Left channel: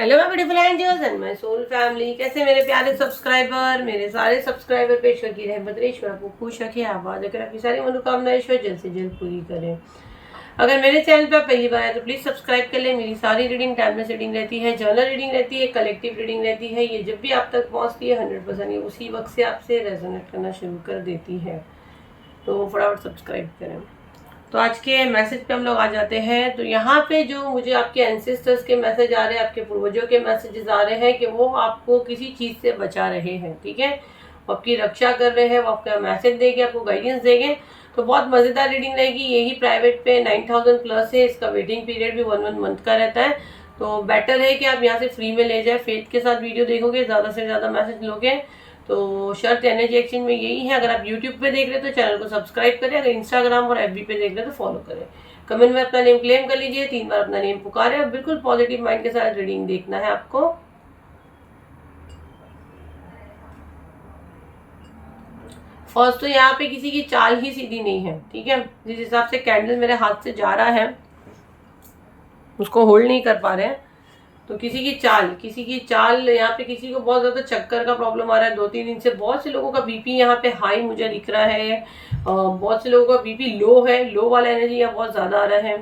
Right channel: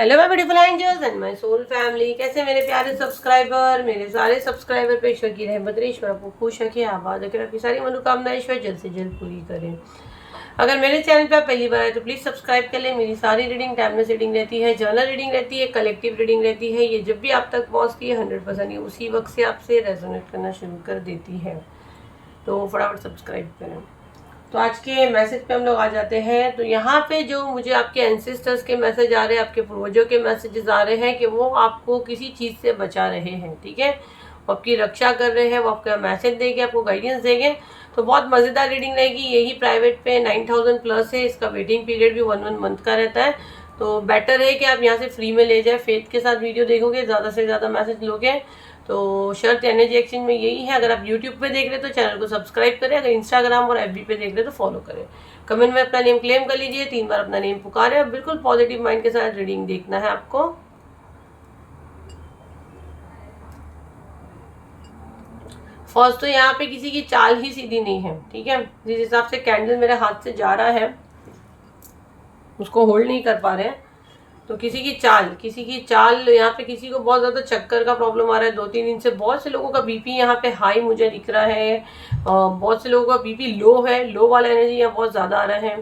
Hello my beautiful angels and my soul family. कैसे मेरे प्यारे सब्सक्राइबर, मेरे सारे सब्सक्राइबर पे ईश्वर की रहमत रहे, ईश्वर आपको खुश रखे, आबाद रखे, आपकी सारी मनोकामनाएं ईश्वर जल्द से जल्द पूरी करें। अगर मेरे चैनल पे आप पहली बार आए तो प्लीज़ सब्सक्राइब कर लें। मेरी सारी रीडिंग टाइमलेस रीडिंग रहती है, जर्नल रीडिंग रहती है, कलेक्टिव रीडिंग रहती है। ये जब भी आप तक पहुँचती है 100% ये उसी वक्त से आपसे रेजोनेट करना शुरू कर देती है, तो फटाफट सब्सक्राइब करें। तो आज के मैसेज पे हम लोग आ जाते हैं। तो यहाँ पे जो मुझे आपके एंसेस्टर्स के मैसेज आ रहे हैं, आपके पूर्वजों के मैसेजेस आ रहे हैं कि वो आपको किसी चीज़ से बचा रहे हैं, ठीक है, वो आपकी रक्षा कर रहे हैं, वो आपका मैसेज देंगे, आपको गाइडेंस देंगे। तो बहुत मज़ेदार रीडिंग रहेगी। यही प्राइवेट पे 9000 प्लस है, इसका वेटिंग पीरियड भी 1 मंथ का रहता है। तो बेटर है कि आप यहाँ से फ्री में ले जाए, फेथ के साथ वीडियो देखोगे, ज़्यादा से ज़्यादा मैसेज लोगे। तो शर्त एनर्जी एक्सचेंज में यही है। अगर आप यूट्यूब पे देख रहे हैं तो चैनल को सब्सक्राइब करें, अगर इंस्टाग्राम और एफबी पे देख रहे हैं तो फॉलो करें। कमेंट में अपना नेम क्लेम कर लीजिए, 3 बार अपना नेम पुकारे। बिल्कुल पॉजिटिव माइंड के साथ रीडिंग देखना है आपको। फर्स्ट तो यहाँ पे किसी की चाल ही सीधी नहीं है, ठीक है। जिस हिसाब से कैंडल मेरे हाथ से जा रहा है उसको होल्ड नहीं कर पा रहे हैं। तो किसी की चाल यहाँ पे, किसी को बहुत ज़्यादा चक्कर का प्रॉब्लम आ रहा है 2-3 दिन से। बहुत से लोगों का बीपी यहाँ पे हाई मुझे दिख रहा है, बहुत से लोगों का बीपी लो है, लो वाला एनर्जी यहाँ बहुत ज़्यादा आ रहा है।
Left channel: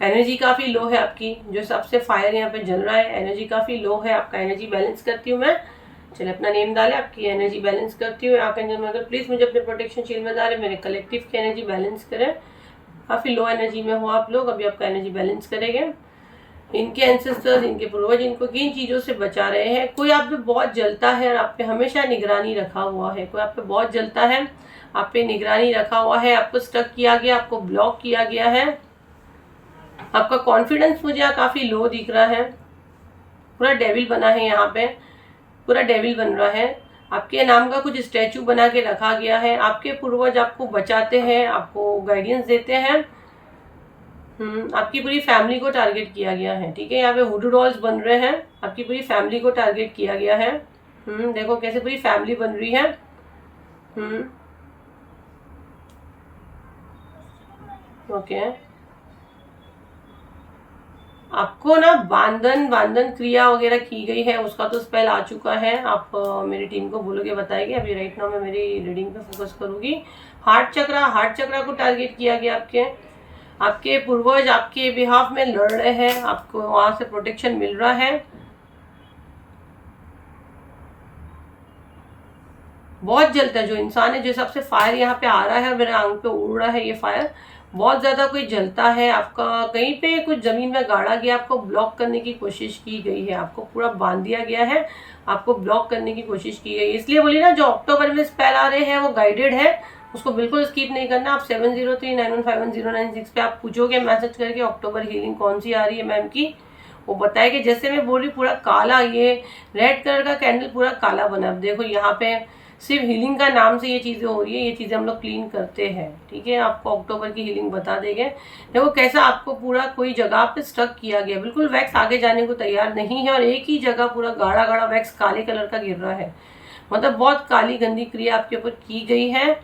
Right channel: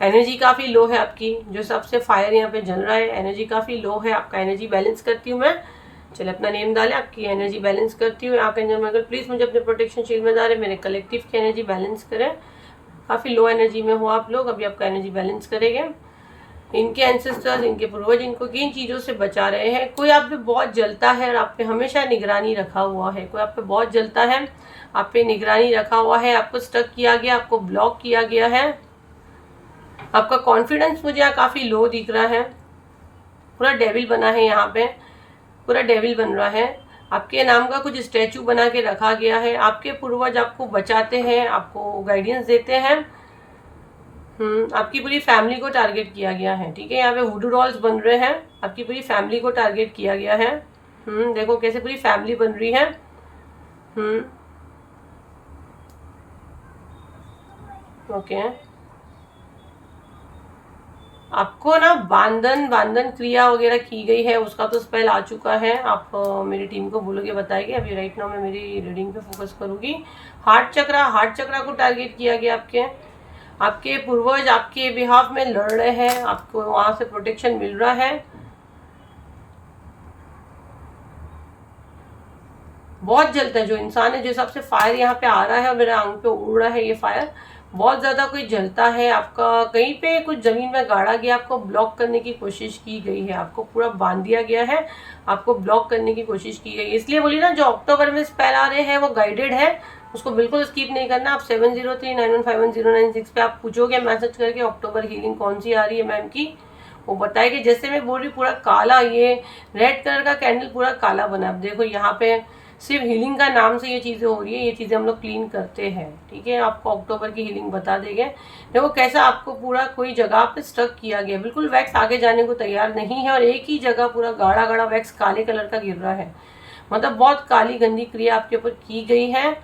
एनर्जी काफ़ी लो है आपकी, जो सबसे फायर यहाँ पे जल रहा है, एनर्जी काफ़ी लो है। आपका एनर्जी बैलेंस करती हूँ मैं। चले अपना नेम डालें, आपकी एनर्जी बैलेंस करती हूँ। आर्कएंजल प्लीज़ मुझे अपने प्रोटेक्शन शील्ड में डालें, मेरे कलेक्टिव की एनर्जी बैलेंस करें। काफ़ी लो एनर्जी में हो आप लोग, अभी आपका एनर्जी बैलेंस करेंगे। इनके एंसेस्टर्स, इनके पूर्वज इनको किन चीज़ों से बचा रहे हैं। कोई आप पे बहुत जलता है और आप पे हमेशा निगरानी रखा हुआ है। कोई आप पे बहुत जलता है, आप पे निगरानी रखा हुआ है, आपको स्टक किया गया, आपको ब्लॉक किया गया है। आपका कॉन्फिडेंस मुझे यहाँ काफ़ी लो दिख रहा है। पूरा डेविल बना है यहाँ पे, पूरा डेविल बन रहा है। आपके नाम का कुछ स्टैचू बना के रखा गया है। आपके पूर्वज आपको बचाते हैं, आपको गाइडेंस देते हैं। आपकी पूरी फैमिली को टारगेट किया गया है, ठीक है। यहाँ पे वुडू डॉल्स बन रहे हैं, आपकी पूरी फैमिली को टारगेट किया गया है। देखो कैसे पूरी फैमिली बन रही है। ओके, आपको ना बांधन क्रिया वगैरह की गई है, उसका तो स्पेल आ चुका है। आप मेरी टीम को बोलोगे, बताएगी। अभी राइट नाउ मैं मेरी रीडिंग पे फोकस करूंगी। हार्ट चक्रा को टारगेट किया गया। आपके पूर्वज आपके बिहाफ में लड़ रहे हैं, आपको वहां से प्रोटेक्शन मिल रहा है। बहुत जलता है जो इंसान है, जिस हिसाब से फायर यहाँ पे आ रहा है और मेरे आंख पे उड़ रहा है ये फायर, बहुत ज़्यादा कोई जलता है। आपका कहीं पे कुछ ज़मीन में गाड़ा गया, आपको ब्लॉक करने की कोशिश की गई है, आपको पूरा बांध दिया गया है, आपको ब्लॉक करने की कोशिश की गई। इसलिए बोली ना, जो अक्टूबर में स्पेल आ रहे हैं वो गाइडेड है, उसको बिल्कुल स्किप नहीं करना। आप 7039151096 पे आप पूछोगे मैसेज करके अक्टूबर हीलिंग कौन सी आ रही है मैम की, वो बताएगी। जैसे मैं बोल रही पूरा काला, ये रेड कलर का कैंडल पूरा काला बना। अब देखो यहाँ पे सिर्फ हीलिंग का नाम से ये चीज़ें हो रही है, ये चीज़ें हम लोग क्लीन करते हैं, ठीक है। आपको अक्टूबर की हीलिंग बता देंगे। देखो कैसा आपको पूरा कोई जगह पे स्टक किया गया, बिल्कुल वैक्स आगे जाने को तैयार नहीं है और एक ही जगह पूरा गाढ़ा गाढ़ा वैक्स काले कलर का गिर रहा है। मतलब बहुत काली गंदी क्रिया आपके ऊपर की गई है।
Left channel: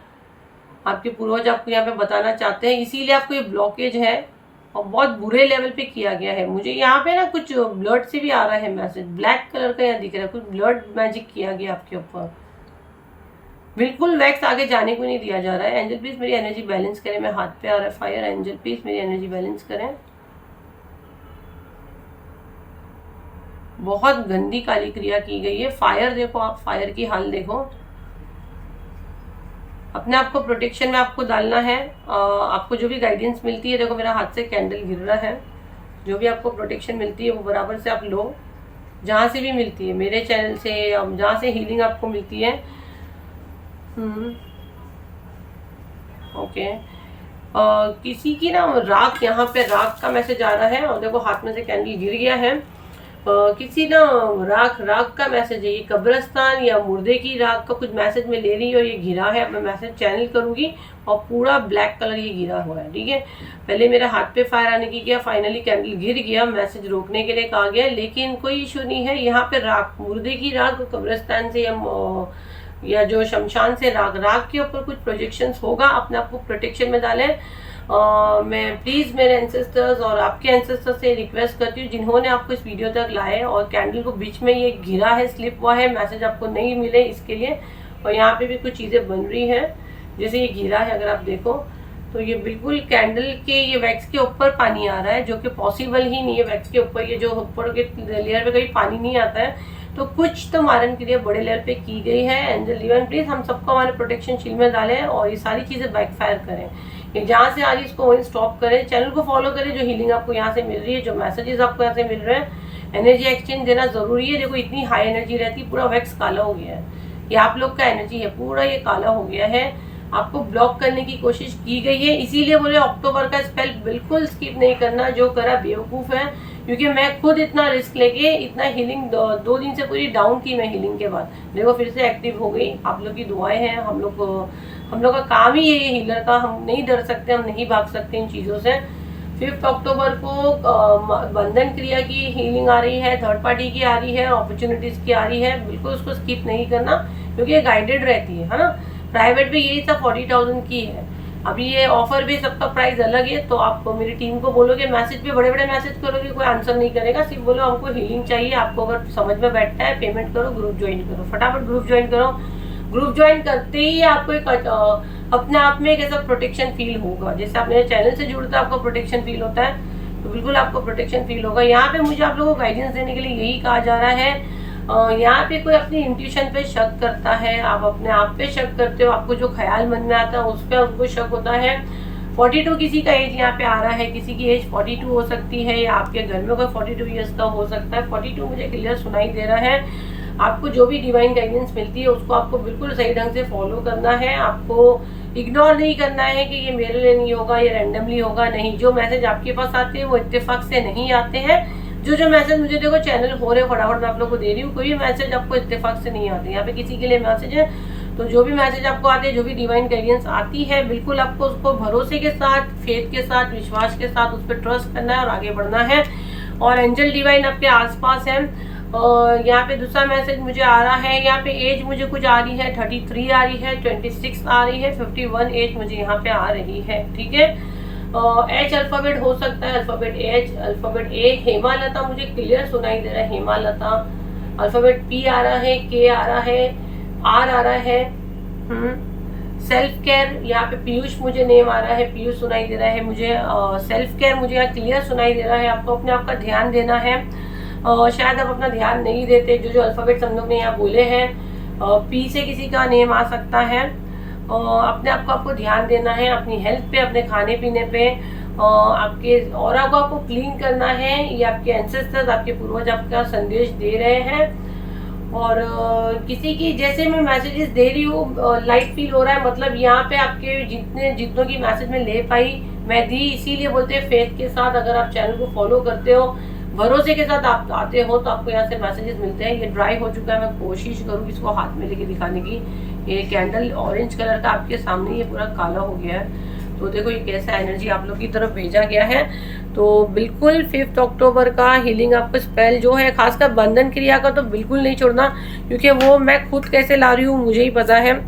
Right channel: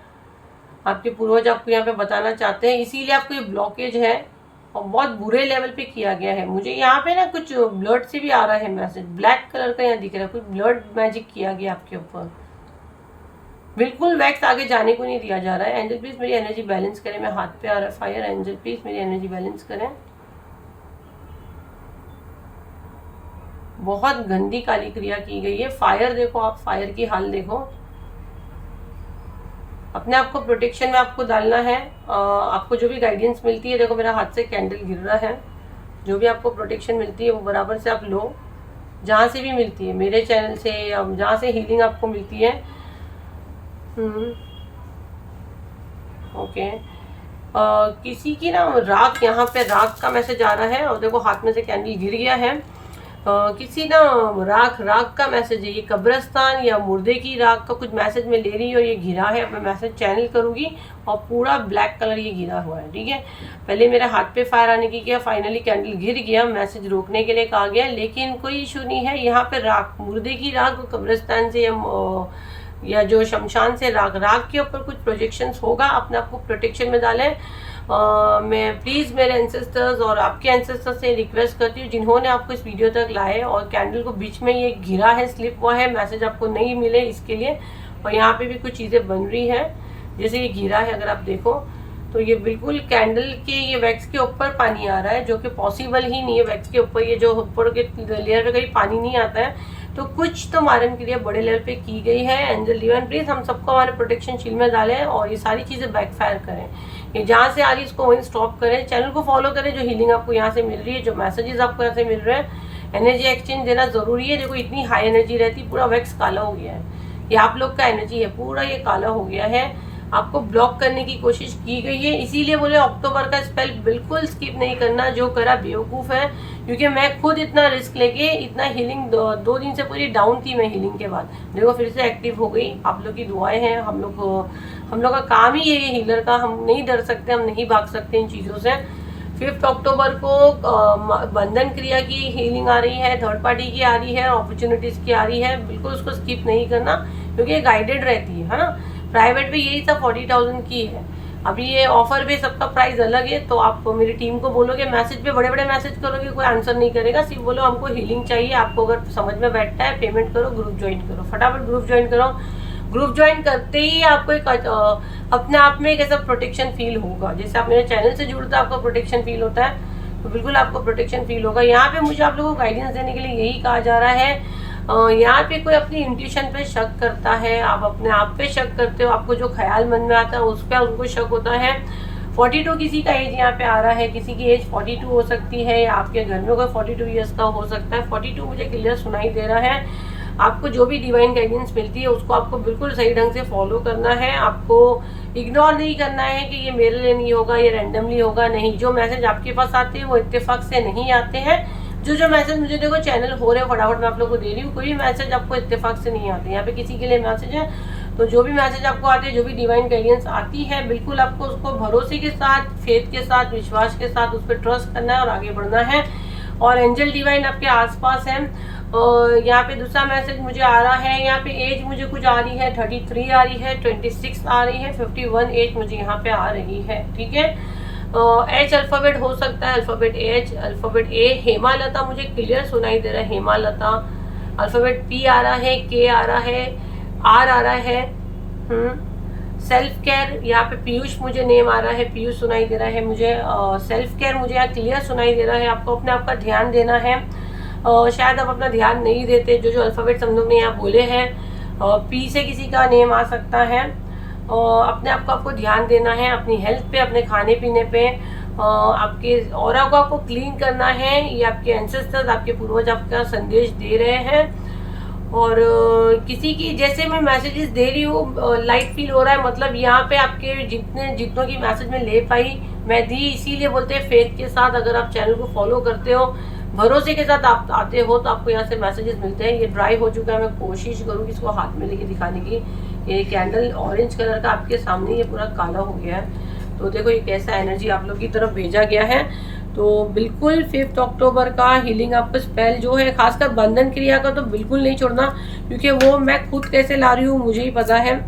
आपके पूर्वज आपको यहाँ पे बताना चाहते हैं, इसीलिए आपको ये ब्लॉकेज है और बहुत बुरे लेवल पे किया गया है। मुझे यहाँ पे ना कुछ ब्लड से भी आ रहा है मैसेज, ब्लैक कलर का यहाँ दिख रहा है, कुछ ब्लड मैजिक किया गया आपके ऊपर। बिल्कुल वैक्स आगे जाने को नहीं दिया जा रहा है। एंजल प्लीज मेरी एनर्जी बैलेंस करें, मैं हाथ पे आ रहा है फायर। एंजल प्लीज मेरी एनर्जी बैलेंस करें। बहुत गंदी काली क्रिया की गई है। फायर देखो, आप फायर की हाल देखो। अपने आप को प्रोटेक्शन में आपको डालना है। आपको जो भी गाइडेंस मिलती है, देखो मेरा हाथ से कैंडल गिर रहा है, जो भी आपको प्रोटेक्शन मिलती है वो बराबर से आप लो, जहाँ से भी मिलती है, मेरे चैनल से, जहाँ से हीलिंग आपको मिलती है। ओके, किसी की ना राख, यहाँ पे राख का मैसेज आ रहा है और देखो हाथ में से कैंडल गिर गया है। किसी ना राख का मैसेज है, ये कब्रिस्तान या मुर्दे की राख का कुछ मैसेज में ले रही हूँ और ये घिरा है। मैं मैसेज चैनल करूँगी और पूरा ब्लैक कलर ये घिरा हुआ है, ठीक है। पहले मेरे हाथ पे फायर आने की गया, फाइनली कैंडल गिर गया, मैसेज रोकने के लिए कहा गया, लेकिन कोई इशू नहीं है। यहाँ पे राख, मुर्दे की राख कब्रिस्तान से या या जो शमशान से राग के ऊपर कुछ प्रोजेक्शंस होगा, अपने आप को प्रोटेक्शन में डालें। मैं प्लीज़ मेरे एंसेस्टर्स और आपके एंसेस्टर्स से रिक्वेस्ट करती हूँ जिन्होंने आपको इस वीडियो तक लाए और कैंडल को बीच में ये घिरा है, स्लिप हुआ है, मैसेज आपको नहीं मिले इसके लिए। और यहाँ पे भी कुछ चीज़ें बन रही हैं, जैसे ये घिरा है, अगर आप देखो तो ये बिल्कुल कैंडल के ये वैक्स के ऊपर पानी आ रहा है, जो कि पॉसिबल ही नहीं है। वैक्स के ऊपर ये जो ऊपर के लेयर पे कहीं पानी नहीं आता है, तो कुछ तो मारन क्रिया बड़े लेवल पे की गई है। एंजल डिवाइन प्लीज हम सबको हमारे प्रोटेक्शन शील्ड में डालें और ये सारी चीज़ें बैकफायर करें। ये जहाँ से आ रही है इसको वहीं स्टॉप करें, चैनल को फॉलो करें, जो हीलिंग आपको यहाँ से मिल रही है, जो मैसेजेस आपको यहाँ से मिल रहे हैं, एनर्जी एक्सचेंज देना जरूरी है। देखो इतनी हाई एनर्जी रहती, पूरा वैक्स काला हो गया है, ये आप लोग का एनर्जी है, पूरा ये काला हो गया है, आपको ब्लॉक करने की कोशिश की गई है। इसीलिए बोले अक्टूबर का स्पेल बिल्कुल स्किप नहीं करना, जो करा बेवकूफ़ है। क्योंकि मैं खुद इतना रिस्क लेके इतना हीलिंग 2 दिन से पूरी डाउन थी मैं हीलिंग के बाद, देखो फिर से एक्टिव हो गई। आप लोग की दुआएं हैं, हम लोग का काम ही है ये हीलर का, हम नहीं डर सकते, हम नहीं भाग सकते इन चीज़ों से। 5 अक्टूबर को बंधन क्रिया की हीलिंग आ रही है, थर्ड पार्टी की आ रही है, अपॉर्चुनिटीज़ की आ रही है, बिल्कुल उसको स्किप नहीं करना क्योंकि ये गाइडेड रहती है ना। प्राइवेट भी यही सब 40,000 की है। अभी ये ऑफर भी सबका प्राइस अलग है, तो आप मेरी टीम को बोलोगे, मैसेज पे बड़े बड़े मैसेज करोगे, कोई आंसर नहीं करेगा, सिर्फ बोलो हमको हीलिंग चाहिए। आपको अगर समझ में बैठता है पेमेंट करो, ग्रुप ज्वाइन करो, फटाफट ग्रुप ज्वाइन करो। ग्रुप ज्वाइन करते ही आपको एक अपने आप में एक ऐसा प्रोटेक्शन फील होगा, जैसे आप मेरे चैनल से जुड़ते आपको प्रोटेक्शन फील होता है, तो बिल्कुल आपको प्रोटेक्शन फील होगा। यहाँ पे मुझे आप लोगों को गाइडेंस देने के लिए यही कहा जा रहा है। यहाँ पे कोई अपनी इंट्यूशन पे शक करता है, आप अपने आप पे शक करते हो, आपको जो ख्याल मन में आता है उस पर उनको शक होता है। 42 किसी का एज यहाँ पे आ रहा है, किसी की एज 42 हो सकती है, या आपके घर में कोई 42 ईयर्स का हो सकता है। 42 मुझे क्लियर सुनाई दे रहा है। आपको जो भी डिवाइन गाइडेंस मिलती है उसको आपको बिल्कुल सही ढंग से फॉलो करना है, आपको इग्नोर नहीं करना है कि ये मेरे लिए नहीं होगा, ये रैंडमली होगा, नहीं। जो मैसेज आपके पास आते हैं वो इत्तेफाक से नहीं आते हैं। जो मैसेज मुझे देखो चैनल हो रहे हो फटाफट मैं आप लोग को दे रही हूँ, कोई भी मैसेज आपको इत्तेफाक से नहीं आते। यहाँ पे किसी के लिए मैसेज है, तो जो भी मैसेज आपको आते हैं, जो भी डिवाइन गाइडेंस आती है, बिल्कुल आपको उसको भरोसे के साथ, फेथ के साथ, विश्वास के साथ उस पर ट्रस्ट करना है और आगे बढ़ना है। और एंजल डिवाइन आपके आसपास है। और यहाँ पे दूसरा मैसेज मुझे आ रहा है, यहाँ पे एज मुझे कुछ आ रही है, 33 आ रही है, 26 आ रही है, 51 एज मुझे यहाँ पे आ रही है, ठीक है। एच अल्फाबेट हो सकता है, अल्फाबेट एच, अल्फाबेट ए, हेमालता मुझे क्लियर सुनाई दे रहा है, हेमालता। अल्फाबेट पी आ रहा है, के आ रहा है, आर आ रहा है। सेल्फ केयर, यहाँ पे पीयूष मुझे नेम आ रहा है, पीयूष सुनाई दे रहा है मुझे। सेल्फ केयर मुझे यहाँ क्लियर सुनाई दे रहा है, आपको अपने आप का ध्यान देना है। शायद आप अपना ध्यान नहीं देते, जो अल्फाबेट्स हम लोग ने यहाँ बोले हैं। पी से किसी का नेम आ सकता है। अपने आप को आपको ध्यान देना है, अपनी हेल्थ पे, अपने खाने पीने पे, आपके ऑरा को आपको क्लीन करना है। ये आपके एंसेस्टर्स, आपके पूर्वज आपका संदेश दे रहे हैं। और किसी की जैसे मैं मैसेजेस दे रही हूँ लाइट फील हो रहा है, मतलब यहाँ पे आपके जितनों की मैसेज में ले पाई मैं दी। इसीलिए बोलते हैं फेथ के साथ, अगर आप चैनल को फॉलो करते हो, भरोसे के साथ आप आते हो, तो आपको यहाँ से मैसेजेस मिलते हैं। ये ड्राई हो चुका है, मैं कोशिश करूँगी इसको हाथ में लेके दिखाने की। ये कैंडल ऑरेंज कलर का आपके सामने ये पूरा काला हो गया है, तो देखो ये कैसा एनर्जी आप लोग की तरफ भेजा गया है। तो बिल्कुल 5 अक्टूबर का हीलिंग आपको स्पेल जो है, खासकर बंधन क्रिया का तो बिल्कुल नहीं छोड़ना, क्योंकि वो मैं खुद कैसे ला रही हूँ मुझे ही पता है।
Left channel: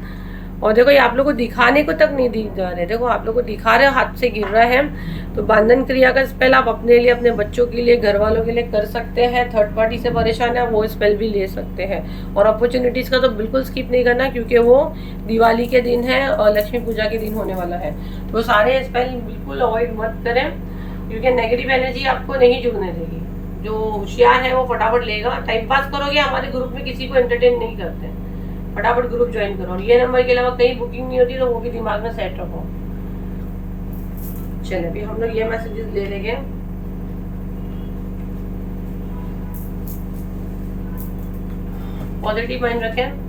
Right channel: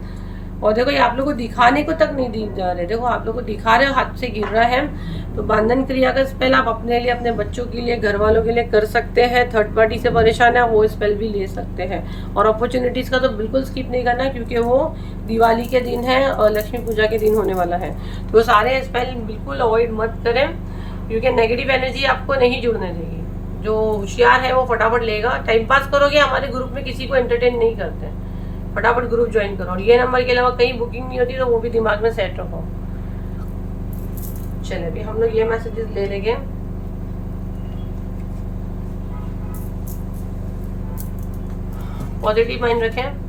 और देखो ये आप लोग को दिखाने को तक नहीं दी जा रहे, देखो आप लोग को दिखा रहे हैं, हाथ से गिर रहा है। तो बंधन क्रिया का स्पेल आप अपने लिए, अपने बच्चों के लिए, घर वालों के लिए कर सकते हैं। थर्ड पार्टी से परेशान है वो स्पेल भी ले सकते हैं। और अपॉर्चुनिटीज़ का तो बिल्कुल स्किप नहीं करना, क्योंकि वो दिवाली के दिन है और लक्ष्मी पूजा के दिन होने वाला है। तो सारे स्पेल बिल्कुल अवॉइड मत करें, क्योंकि नेगेटिव एनर्जी आपको नहीं जुड़ने देगी। जो होशियार है वो फटाफट लेगा। टाइम पास करोगे, हमारे ग्रुप में किसी को एंटरटेन नहीं करते हैं, फटाफट ग्रुप ज्वाइन करो। और ये नंबर के अलावा कहीं बुकिंग नहीं होती, तो वो भी दिमाग में सेट रखो। चलिए अभी हम लोग ये मैसेजेस ले लेंगे। पॉजिटिव माइंड रखें।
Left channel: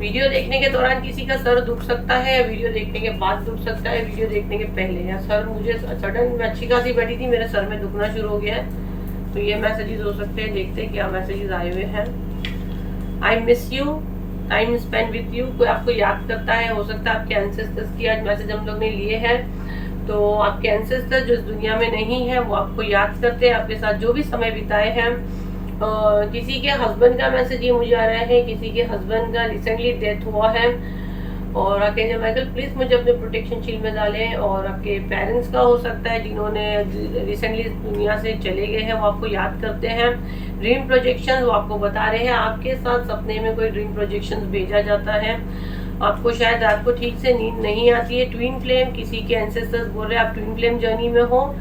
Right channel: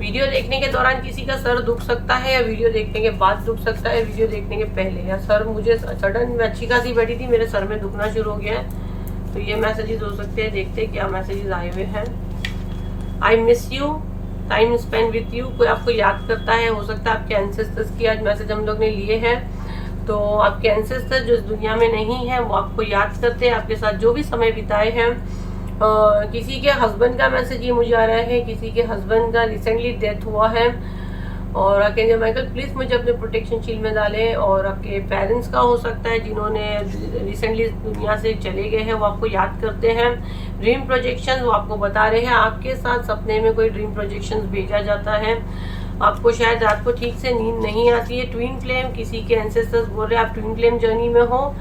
वीडियो देखने के दौरान किसी का सर दुख सकता है, वीडियो देखने के बाद दुख सकता है, वीडियो देखने के पहले। या सर मुझे सडन में अच्छी खासी बैठी थी, मेरे सर में दुखना शुरू हो गया है, तो ये मैसेजेस हो सकते हैं। देखते हैं क्या मैसेजेस आए हुए हैं। I miss you, time spend with you, कोई आपको याद करता है, हो सकता है आपके एंसेस्टर्स की आज मैसेज हम लोग ने लिए हैं। तो आपके एंसेस्टर जो इस दुनिया में नहीं है वो आपको याद करते हैं, आपके साथ जो भी समय बिताए हैं। किसी के हस्बैंड का मैसेज ये मुझे आ रहा है, किसी के हस्बैंड का रिसेंटली डेथ हुआ है, और आर्कएंजल माइकल प्लीज मुझे अपने प्रोटेक्शन शील्ड में डालें। और आपके पेरेंट्स का हो सकता है जिन्होंने रिसेंटली दुनिया से चले गए हैं, वो आपको याद करते हैं। ड्रीम प्रोजेक्शन वो आपको बता रहे हैं, आपके साथ सपने में कोई ड्रीम प्रोजेक्शन भेजा जाता है। आपको शायद रात को ठीक से नींद नहीं आती है। ट्विन फ्लेम, किसी के एंसेस्टर्स बोल रहे हैं आप ट्विन फ्लेम जर्नी में हो,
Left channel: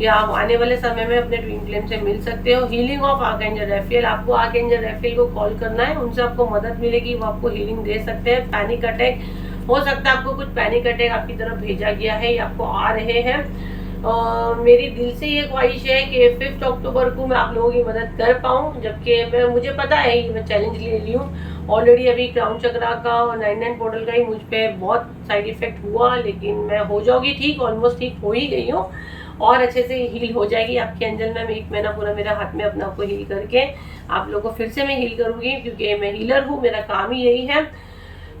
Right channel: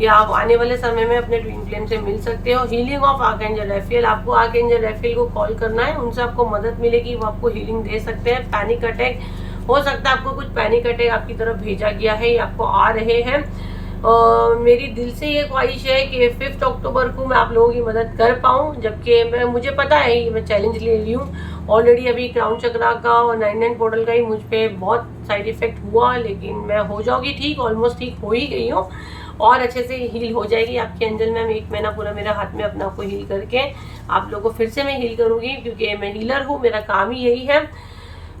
या आप आने वाले समय में अपने ट्विन फ्लेम से मिल सकते हो। हीलिंग ऑफ आर्कएंजल रैफेल, आपको आर्कएंजल रैफेल को कॉल करना है, उनसे आपको मदद मिलेगी, वो आपको हीलिंग दे सकते हैं। पैनिक अटैक, हो सकता है आपको कुछ पैनिक अटैक आपकी तरफ भेजा गया है या आपको आ रहे हैं। मेरी दिल से ये ख्वाहिश है कि 5 अक्टूबर को मैं आप लोगों की मदद कर पाऊँ, जबकि मुझे पता है ये मैं चैलेंज ले ली हूँ ऑलरेडी। अभी क्राउन चक्रा का और 99 पोर्टल का ही मुझ पर बहुत साइड इफेक्ट हुआ, लेकिन मैं हो जाऊँगी ठीक, ऑलमोस्ट ठीक हो ही गई हूँ और अच्छे से हील हो जाएगी आपकी एंजल मैम। 1 महीना पूरा मेरा हाथ में अपना आपको हील करके आप लोगों को फिर से मैं हील करूँगी, क्योंकि मैं हीलर हूँ, मेरा काम ही यही है।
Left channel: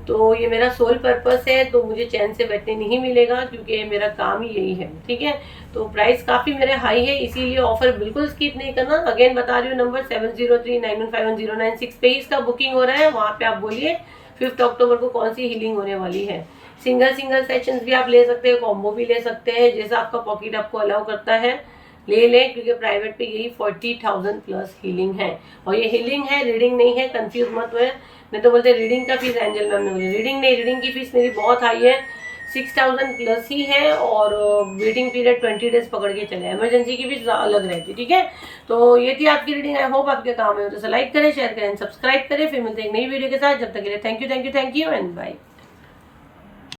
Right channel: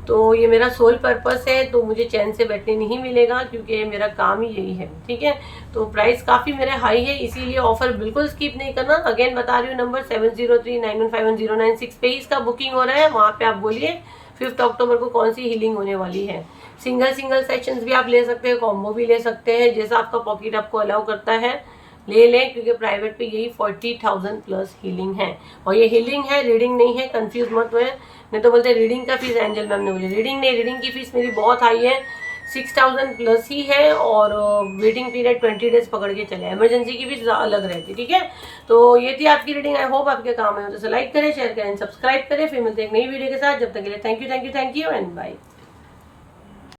तो ये मेरा सोल पर्पस है, तो मुझे चैन से बैठने नहीं मिलेगा, क्योंकि मेरा काम ही यही है, ठीक है। तो प्राइस काफ़ी मेरे हाई है, इसीलिए ऑफर बिल्कुल स्किप नहीं करना। अगेन बता रही हूँ, नंबर 7039151096 पे इसका बुकिंग हो रहा है, वहाँ पे आप बोलिए 5 अक्टूबर को कौन सी हीलिंग होने वाली है। सिंगल सेशंस भी आप ले सकते हैं, कॉम्बो भी ले सकते हैं, जैसा आपका पॉकेट आपको अलाउ करता है ले लें, क्योंकि प्राइवेट पे यही 40,000 प्लस हीलिंग है। और ये हीलिंग है, रीडिंग नहीं है, कंफ्यूज मत हुए। मैं तो बोलते रीडिंग का फीस एंजल मैम ने बोली, रीडिंग नहीं, रीडिंग की फीस मेरी बहुत हाई है, 6,000 प्लस ही है। और वेटिंग पीरियड 20 डेज पकड़ के चले, इमरजेंसी की फीस अलग रहती, ठीक है। तो ये थी आपकी रीडिंग, आई होप आपके काम है, तो लाइक करें, शेयर करें, सब्सक्राइब करें। फिर मिलते हैं एक नई वीडियो के साथ, जब तक के लिए थैंक यू एंड बाय।